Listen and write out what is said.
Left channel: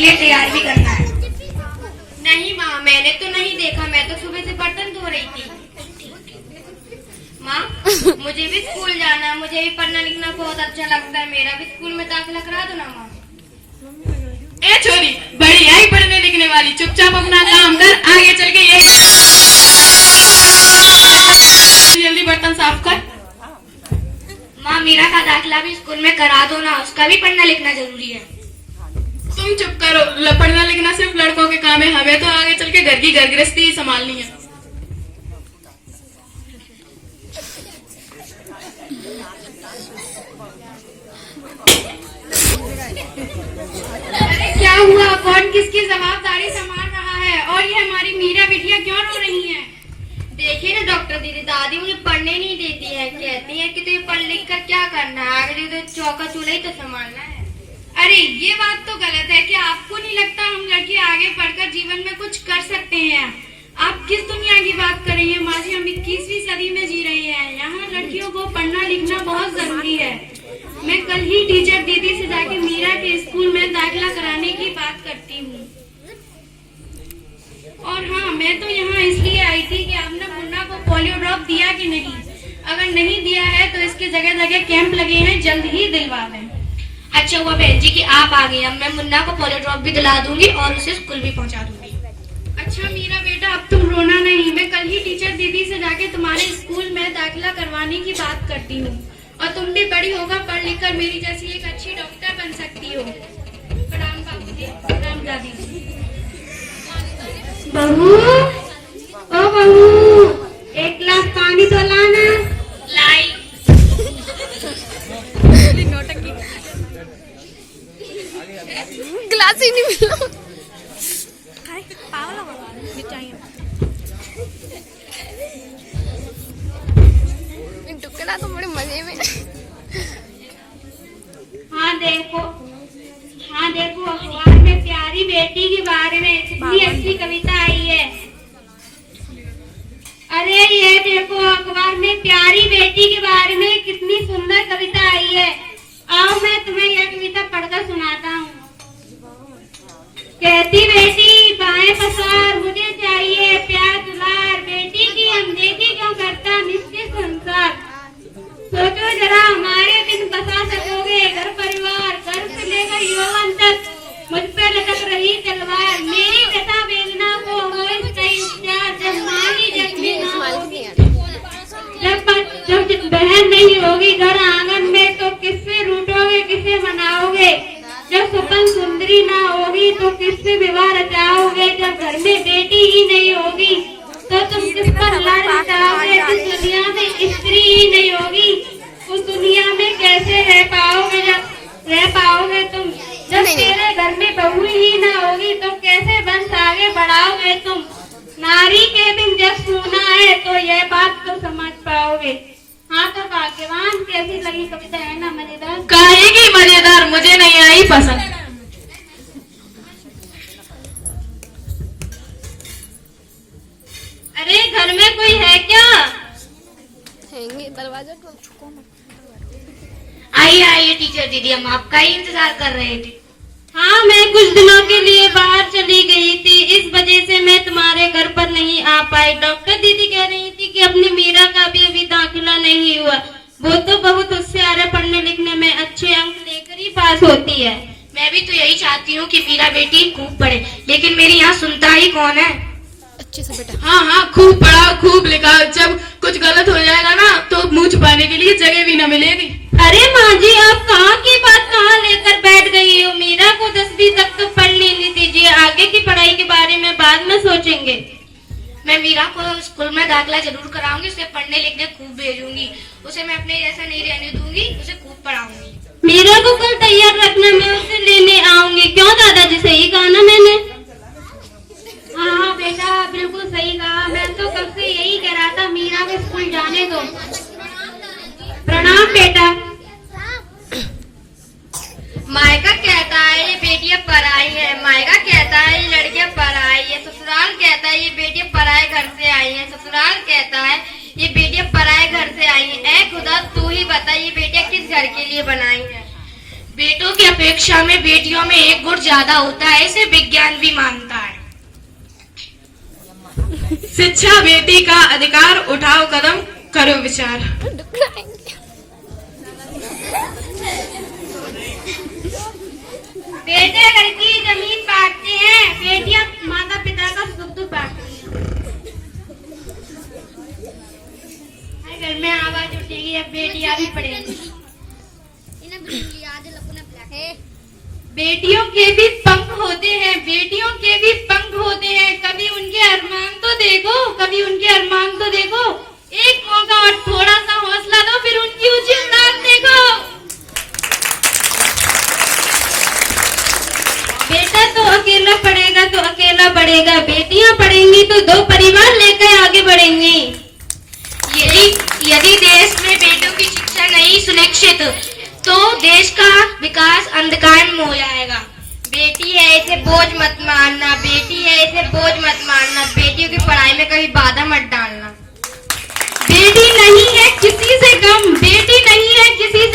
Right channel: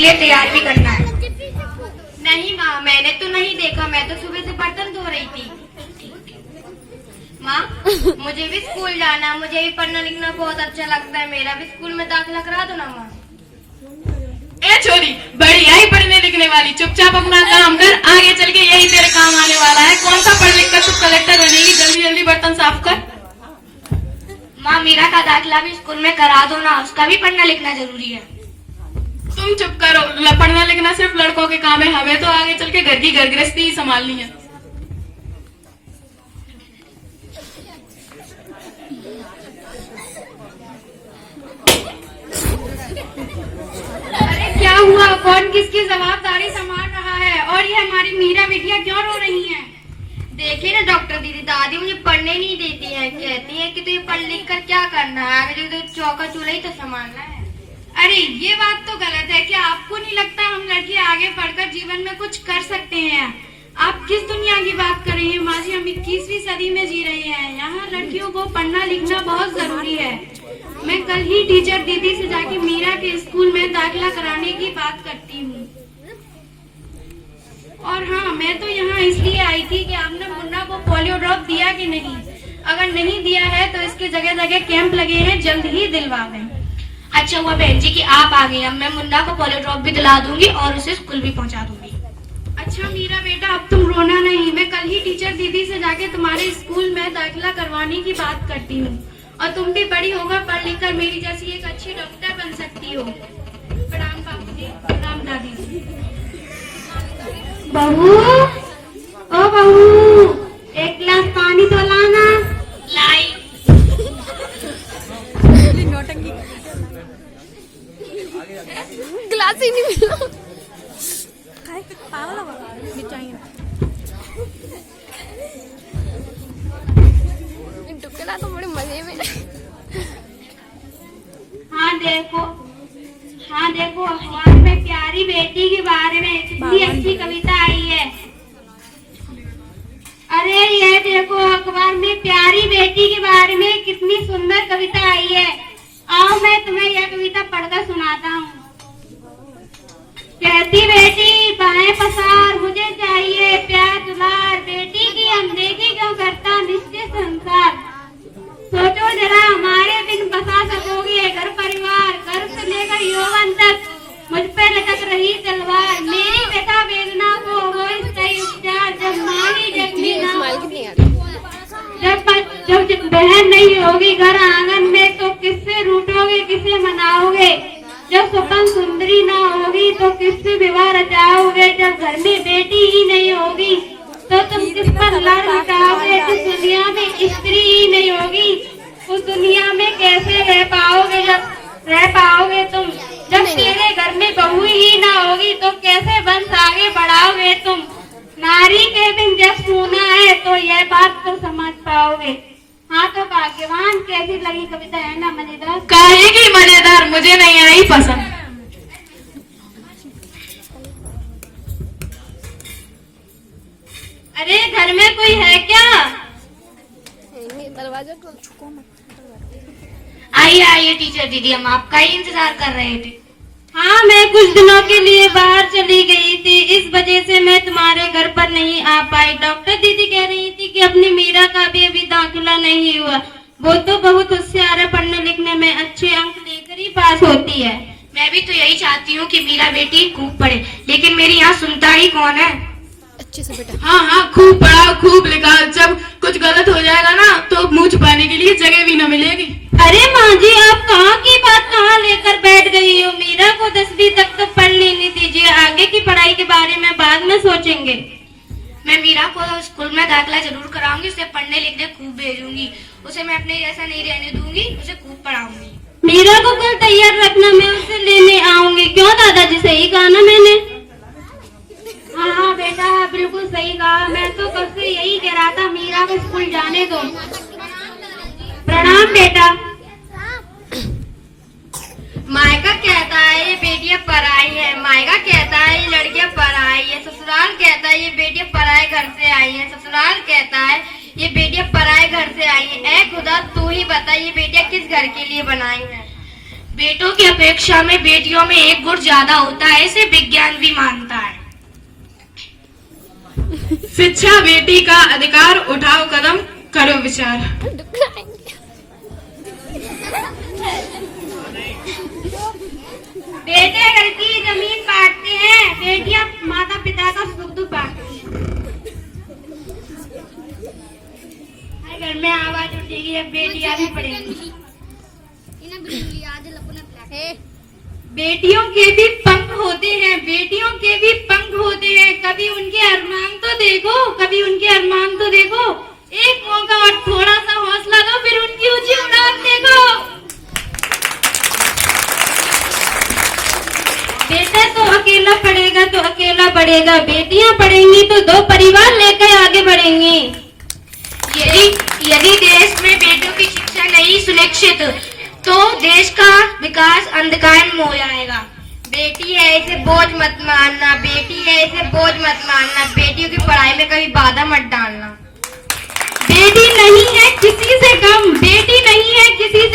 लिए तैयार भी करना है। नहीं माँ, मैंने तो नहीं देखा, मैं तो सुबह से बर्तन धो रही थी। माँ, मुझे भी स्कूल जाना, मुझे भी पढ़ना लिखना बहुत अच्छा लगता है, मेरा भी स्कूल में दाखिला करा दो ना माँ। ए छोरी, बड़ी आई पढ़ने लिखने वाली, चुपचाप अपना काम कर, आगे चल के यही तेरा काम आने वाला है। कौन सा पढ़ लिख कर तू कलेक्टर बनेगी? जल्दी जल्दी बर्तन साफ कर। माँ, मेरा का दाखिला भी स्कूल में करा दो ना, उसका भी पढ़ना लिखना जरूरी है। तुम चुप करो, पढ़ना लिखना सिर्फ लड़कों के काम है, हमें तो आगे चल के घर की घर गृहस्थी ही संभालनी है। अरे क्या हुआ? कौन किसकी जवाबदारी संभाल रहा है? और ये हमारी मीरा बिटिया क्यों रो रही है? देखिए ना डॉक्टर दीदी, दादी मुझे पढ़ने नहीं देती है, कहती है कि तुझे पढ़ लिख कर क्या करना है, आगे तो चौका चूल्हा ही तो संभालना है। अरे ये बात तो गलत है कि आपको नहीं लगता हम लड़की आगे बढ़कर जीवन में कुछ कर सकते हैं? आप किस दुनिया की बात कर रही हैं माँ जी? हम 21वीं सदी में जी रहे हैं, यहाँ लड़कियों को पढ़ना लिखना बहुत जरूरी है। मैं कल ही टीचर दीदी से जाके मीरा के स्कूल में दाखिला कराने की बात करती हूँ। और हाँ, मैं तो यहाँ इसलिए आई थी कि आपने मुन्ना को पोलियो ड्रॉप दिया कि नहीं? अगर नहीं दिया है तो इसके जगह जगह कैंप लगे हैं, जल्द ही दिलवा दें। अच्छा हुआ बहन जी कि आप आ गई, अब मैं मुन्ना को पोलियो ड्रॉप भी दिला दूंगी और उसे स्कूल भी पहुंचा दूंगी। अच्छा मीरा बेटा, अब तुम रोना नहीं, मैं कल ही टीचर दीदी से जाके तुम्हारे स्कूल में दाखिला करवाने की बात करती हूँ, और तुम भी बड़ी होकर पढ़ लिख कर मेरी जैसी एक अच्छी डॉक्टर बन सकती हो। प्रणाम बाबू जी, प्रणाम दादी जी। बहू, ओ बहू, एक गिलास पानी तो लाना। लाई। गिलास ही नहीं मिला। टुकड़ा तो बड़े मजे में। हाँ देखो अखबार में प्यारी बेटी के बारे में कितनी अच्छी कविता आई है। अरे ये देखो अखबार में प्यारी बेटी के बारे में कितनी सुंदर कविता आई है। आओ मैं तुम्हें यह कविता पढ़कर सुनाता हूँ। कहती बेटी बाएं पसार, मुझे चाहिए प्यार दुलार, बेटी की अनदेखी क्यों करता निश्चय संसार। सोचो जरा हमारे बिन बसा सकोगे घर परिवार, घर से लेकर यौवन तक मुझ पे लटक रही तलवार। मेरी व्यथा वेदना को हो इसका उपचार, जब माली जख्मी ना होगी, जब बहन नहीं होगी घर आंगन में, तो किससे रूठोगे किसे मनाओगे। जब स्वपन सुंदरी ना होगी तो किससे विवाह रचाओगे। जब घर में बेटी ही नहीं होगी तो तुम किस पर लड़ रचाओगे। जिस दुनिया में स्त्री ही नहीं होगी उस दुनिया में कैसे रह पाओगे। जब रह पाओगे तुम, जब तेरे घर में बहू ही ना होगी तो कैसे वंश आगे बढ़ाओगे तुम। नारी के बिन जब सोना है तो यह बात तो समझ पाओगे। हाँ तो भाग्यवान, कैसी लगी कविता? है ना मजेदार? काहे की मजेदार, मुझे नहीं आई पसंद। अरे घर में कोई है क्या? दरवाजा आइए आइए टीचर दीदी, हम आपका ही इंतजार कर रहे थे। हाँ, मैं कुछ दिनों के लिए बाहर चली गई थी, इस वजह से मैं तुम्हारे घर पर नहीं आ पाई। डॉक्टर दीदी कह रही थी कि अपनी मीरा का भी अभी दाखिला नहीं हुआ। वो तो बहुत होशियार है, पढ़ने लिखने में अच्छे अंक लेकर ही पास होती है। मैं भी तो यही चाहती हूँ कि मेरा बेटी खूब पढ़े, लेकिन मेरी यहाँ सुनता ही कौन है। अच्छे से बेटा। हाँ, खूब पढ़ाओ खूब लिखाओ, जब कुछ गलत हो जाएगा ना तो मुंह छुपाने के लिए जगह भी न मिलेगी। अरे माँ जी, आप कहाँ की बात कहाँ लेकर बैठ गई हो? मीरा को 10वीं तक तो पढ़ लेने दीजिए, आगे की पढ़ाई के बारे में बाद में सोचेंगे। मैं मीरा को स्कूल में दाखिला जरूर कराऊंगी, उसे पढ़ने लिखने खूब भेजूंगी, उसे मैं अपने जैसा नहीं रहने दूंगी, उसे खूब पढ़ाऊंगी। मीरा को कल तैयार रखना, मैं उसे लेने आऊंगी। क्यों दादाजी, सही कहा ना मैंने? हाँ बेटा, बिल्कुल सही कहा। मैं तो कल से यही कह रहा था मीरा को स्कूल जाने दो। प्रणाम बेटा। मायका कहता है ये बेटियां पराई है, मायका कहता है ये लड़कियां पराई है, ससुराल कहता है ये बेटियां पराए घर से आई हैं, ससुराल कहता है ये बेटियां पराए घर से आई हैं। ऐ खुदा तू ही बता ये बेटियां किस घर के लिए बनाई हैं। बेटों की अपेक्षा में बेटियों में एक गुण ज्यादा होता है, इसे विज्ञान भी मानता है। शिक्षा बेटी का अधिकार, उठाओ कदम करो विचार। बेटे घर की जमीन बांटते हैं, बेटियां माता पिता का सुख दुख बांटती हैं। घर में आवाज उठेगी, अब बेटियां भी पढ़ेंगी। बेटियों के भी पंख होते हैं, बेटियों के भी पंख होते हैं। कभी उनके अरमान तो देखो, कभी उनके अरमान तो देखो। एक मौका और थोड़ा सा हौसला दो, फिर उनकी ऊंची उड़ान देखो। बेटा तो अकेला पढ़ेगा तो अकेला बढ़ेगा, बेटियां पढ़ेंगी तो दो परिवार लेकर आगे बढ़ेंगी। यदि देश में बेटों की शिक्षा नहीं सुनिश्चित तो देश का विकास अंधकार में हो जाएगा। बेटी है इसे बोझ मत मानना, बेटी है इसे बोझ मत मानना, बेटियों की पढ़ाई में कभी बाधा मत डालना। बेटी नहीं है किसी से कम, बेटी नहीं है किसी